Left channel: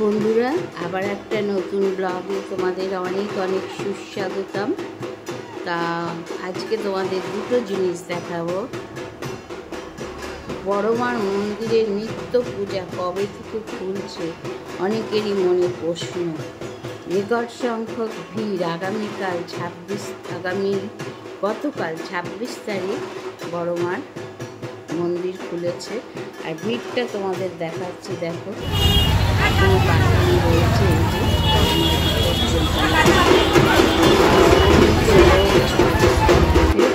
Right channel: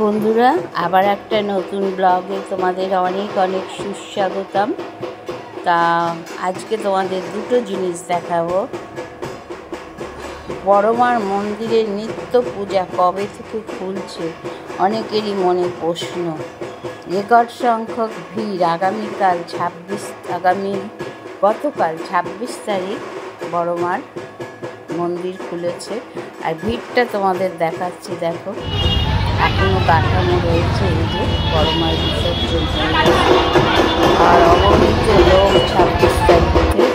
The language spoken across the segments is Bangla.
বন্ধুরা, আবার একটা নতুন ব্লগে তোমাদের অনেক অনেক সুস্বাগতম। তা আজকে তোমাদের দুটো জিনিস দেখাবো। বড়মার মন্দিরের নিত্য পূজা কবে থেকে খুলছে অনেকেরই মনে প্রশ্ন। রেকর্ড সংখ্যক ভিড়। গতকাল 26 তারিখ বড়মার মন্দির খুলেছে। আর ভিড়টা তোমাদের দেখাচ্ছি, দেখো এখনো কাঠামো রয়েছে। এই যে বড়মার বিসর্জন আর অগণিত লোক 26 তারিখে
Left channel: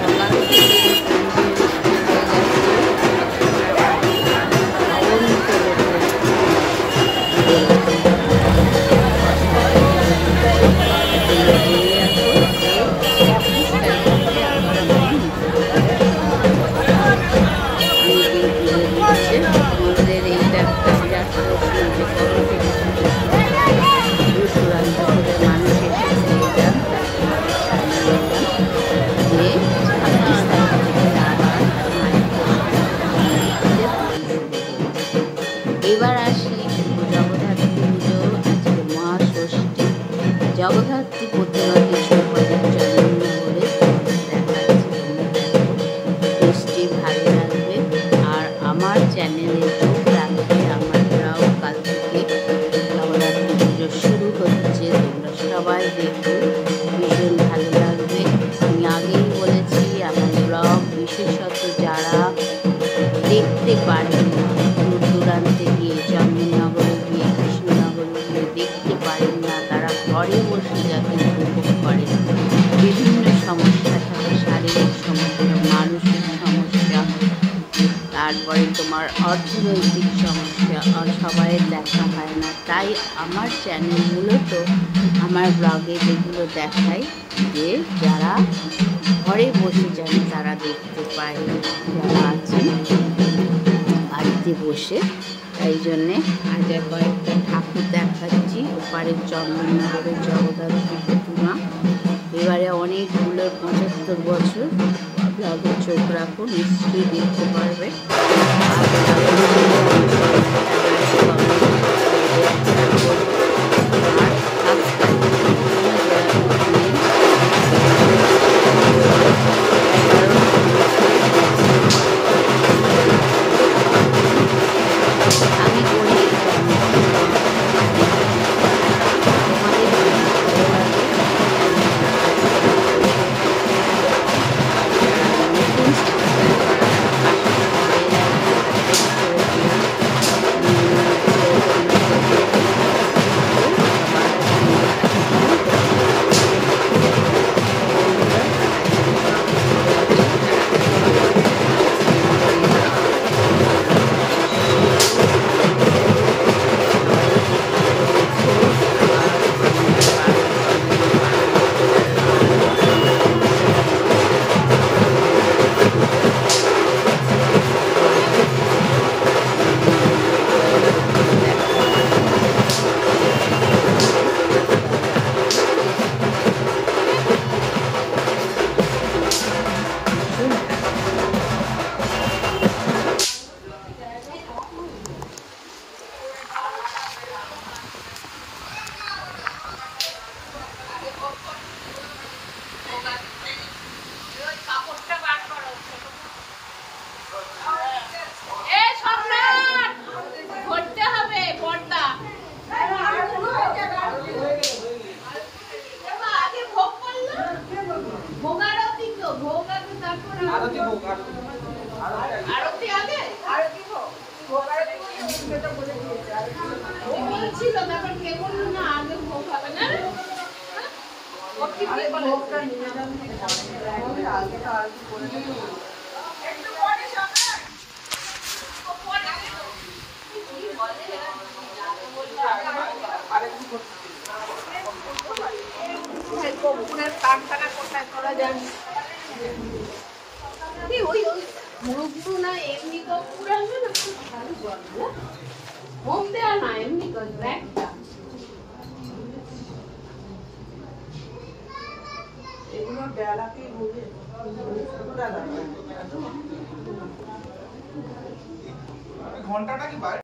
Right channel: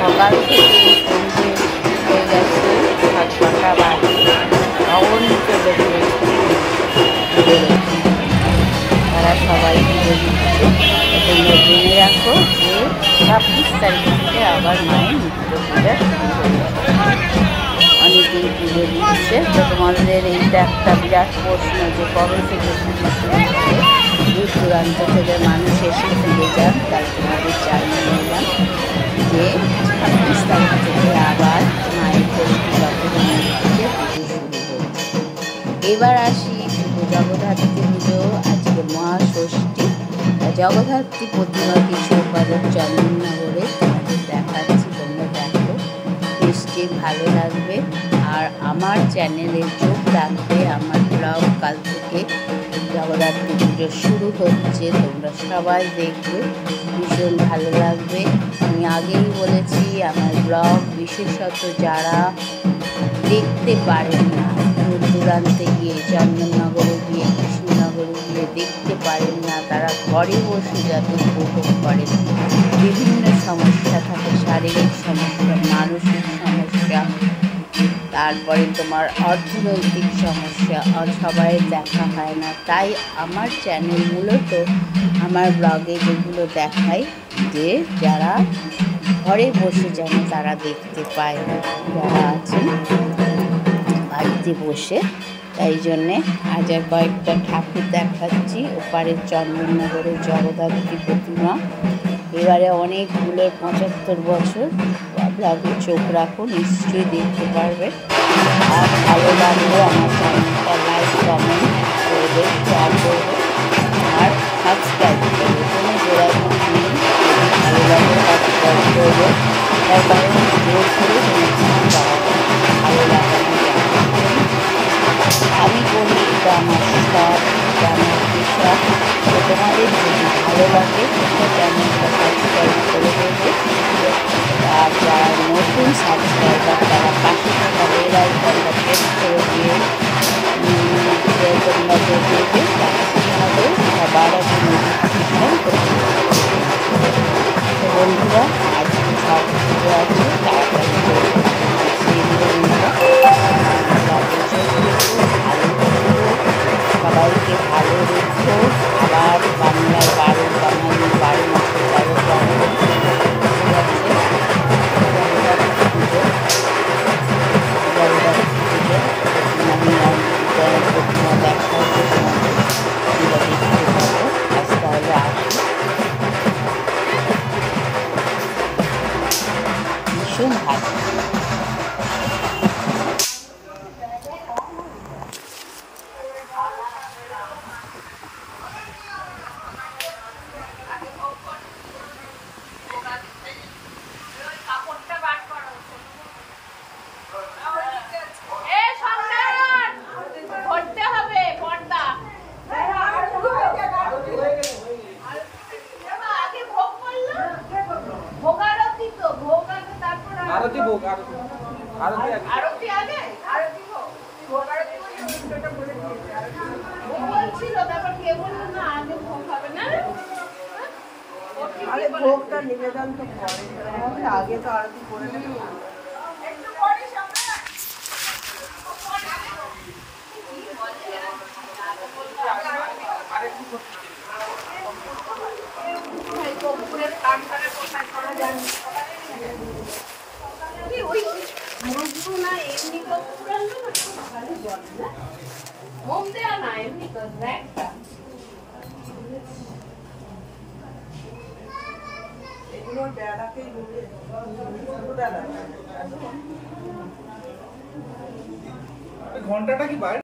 সকাল থেকে সন্ধ্যে হয়ে গেছে 7-8টা বাজে। অগণিত লোকের তারা সবাই জেনে রাখো যে 26 তারিখ থেকে আবার মায়ের অনেকেই পুজো দিচ্ছে। তো তোমাদের এইটা একটা বিরাট প্রশ্ন যে কবে থেকে পুজো দূর দূরান্ত থেকে মানুষ এসে ফিরে যান। তাই তোমাদের জানিয়ে নিলাম যে 26 তারিখ থেকে আবার মায়ের এবার আসি জগদ্ধাত্রী পুজো। আজকে মহাষষ্ঠী। জগদ্ধাত্রী প্রতিমা কৃষ্ণবাজার চন্দননগরে দেখাচ্ছি, তোমরা দেখো। বেশটি ভালো লাগবে। আর আমার চ্যানেলে যোগ রাখবে। আমার ব্লগ কাল থেকে জগদ্ধাত্রী পুজো শুরু হচ্ছে, তোমরা সবাই দেখবে, ভীষণ ভালো লাগবে। আমি আগেই বলেছি আমার ব্লগ বিশেষত যারা দেখতে পারেন না, দূর দূরান্তে গিয়ে চন্দননগরে গিয়ে কৃষ্ণনগরে গিয়ে দেখতে পারেন না, তারা ঘরে বসে যাতে উপভোগ করেন। বিভিন্ন সমস্যা থাকে, শারীরিক সমস্যা, মানসিক সমস্যা, তারপরে তোমার অর্থনৈতিক সমস্যা, আর সবাই দেখা হয় না। তাই আমার চ্যানেল মূলত আমার ব্লগে যেগুলো দেখায় যে যারা ঘরে বসে যেন তারা দেখতে পায়, যারা আছেন বাড়িতে বসে। তাই জন্যে আজ আর কয়েকটা ঠাকুর দেখাচ্ছি। ওপারের চন্দননগরের জগদ্ধাত্রী প্রতিমা। এবারে অনেকগুলোর 75 বছর। ব্লগে চোখ রাখো, নিশ্চয়ই দেখতে পারবে। আর ভালো লাগলে আমার চ্যানেলটা লাইক কমেন্ট করবে, শেয়ার করবে আর সাবস্ক্রাইব করবে। কোনো যোগাযোগ নেই, আমি বলি এটা আমার শখ, তোমাদের যদি ভালো লাগে চ্যানেলটা সাবস্ক্রাইব করে দেবে। আর যারা নতুন সাবস্ক্রাইবার তারা পাশে থাকা বেল আইকনটা প্রেস করে দিয়ে তোমরা দেবে, তাহলে সবার আগে নোটিফিকেশন বন্ধুরা। আজকে সব কিছু আছে, সবাইকে ভালো রেখো। আবার বাংলার 12 বাঙালি 12 মাসে 12 ভালো। আরতি আগে ছিল, তারপর কে বললো না আগে ভোগ হবে না। ভোগটা নিবেদন থেকে আগে তো আরতি মগুরু না এমনি কপুর আনবে না, খুব ভালো বলবে না, মোম দেওয়া না, এমনি করবে একটা। এগুলো ডালাকেই বলে ছোট ডালা। ঘন্টাটা কি বাইরে